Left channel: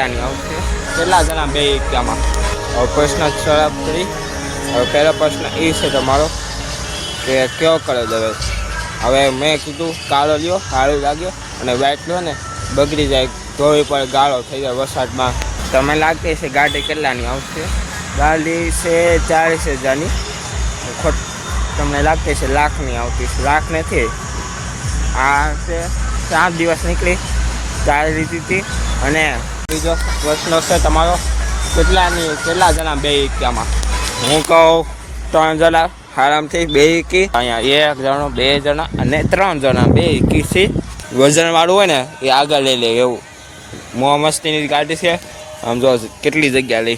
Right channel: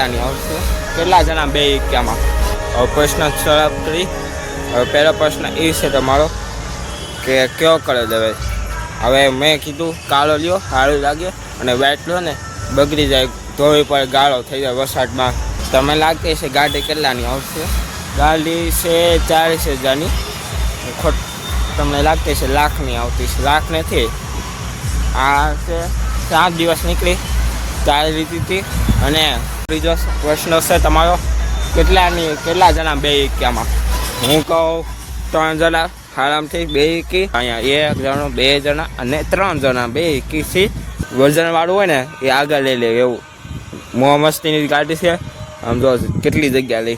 કેટલાની આવશે કેટલા જણા બે હવે પ્રશ્ન હવે પહેલો પ્રશ્ન એ છે તમારો કે કયો કરે હવે? હવે મેં કીધું કાળો લ્યો સારો લાગ્યો અને વ્હાઈટ લ્યો ને. બગડી જાય ધોવી પર ગાળો થઈ જાય વરસાદમાં. તમે લાગતી છે ગાડી કેટલાની આવશે ગાડી છે ચાળીસ હજારની. ખોટ, તમને લાગતી છે લાખની આવતી છે લાખ નથી. આ સાત દિવસ નીકળી. ચાલી લીધી હતી. અને બીજો પ્રશ્ન છે તમારો. કેટલાની, કેટલા જણા બે એક્યામાં? હું કહું, ત્રણ જણા આરામથી બે એકી. અહીંયા એક જણો, બે જણા અને ત્રણ જણા બે એકી છે. વજન હોય ને, એ આગળ લઈ લે એવું. મો મસ્તીની ગાડી છે. આમ જો કેટલી જગ્યા લઈ.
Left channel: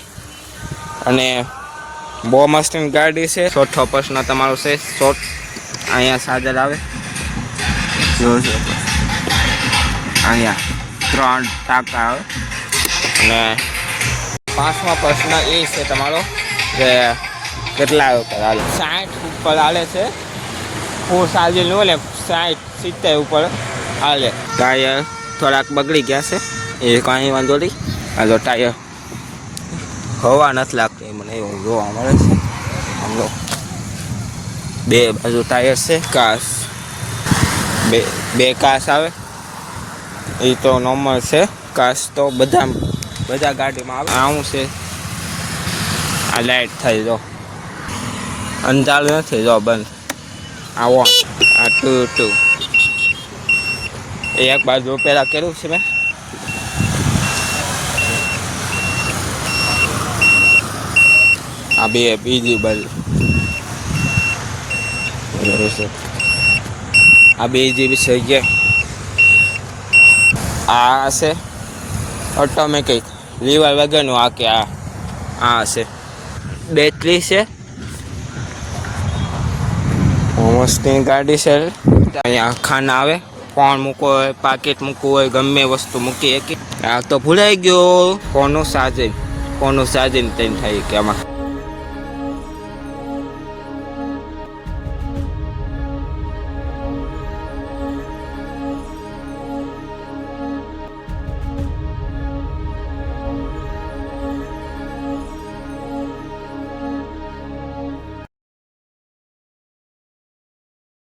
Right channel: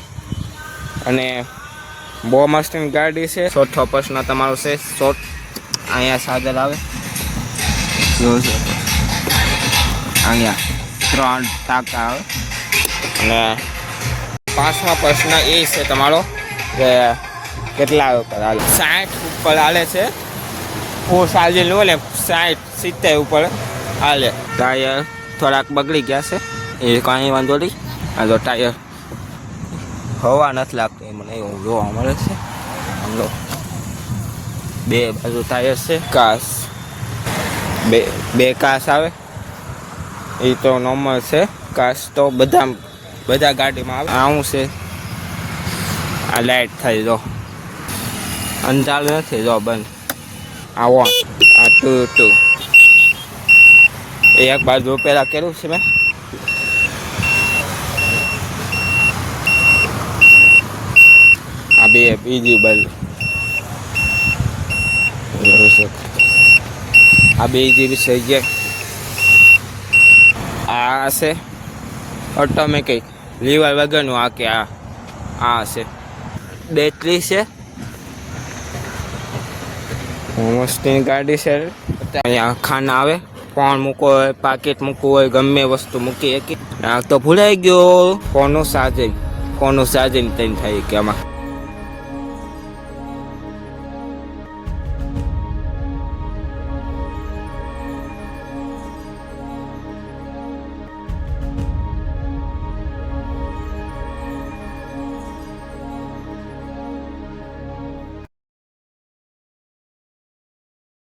અને બહુ મસ્તીની ગાડી છે. ચોથો પ્રશ્ન તમારો છે શોર્ટ અહીંયા સાજર આવે. અહીંયા. ત્રણ ટાંકા આવે અને પાંચમા પ્રશ્ન એ છે તમારો કે કેટલા ઉપર હાલે? સાઠ ઉપર હાલે છે. હું સાજે લો ને, સાઠ સિત્તેર ઉપર હાલે. ટાયર થોડાક બગડી ગયા છે. એ કાંઈ વાંધો નહીં. હાલો ટાયર હવા નથી લાગતી. મને એવું જોવા મળે છે. બે બાજુ ટાયર છે. કાસ. બે બે કાસ આવે. એ તો નોર્મલ છે. કાસ તો બધા બધા ગાડીમાં આવે. આવું છે. આ લાઈટ થઈ જો. અંજાલ નથી જો બંધ. આ વોન આ ટુ ટુ એ એક બાજુ પેલા કર્યું છે મેં. આ બે બીજી બાજુ. એવું છે. આ બે જેવી છે જે આ છે ઓટોમેટિક લીવર વગરનું આ કે આ. આ છે બેટરી છે. મોસ્ટની ગાડી છે. અહીંયા ખાના આવે. ફોન મૂકવો હોય, પાકીટ મૂકવું હોય, ગમે વસ્તુ મૂકી આ તો ભૂલાઈ ગયો. ફોનનું ચાર્જિંગ ફોનનું સાજન તેમ થાય કે આમાં.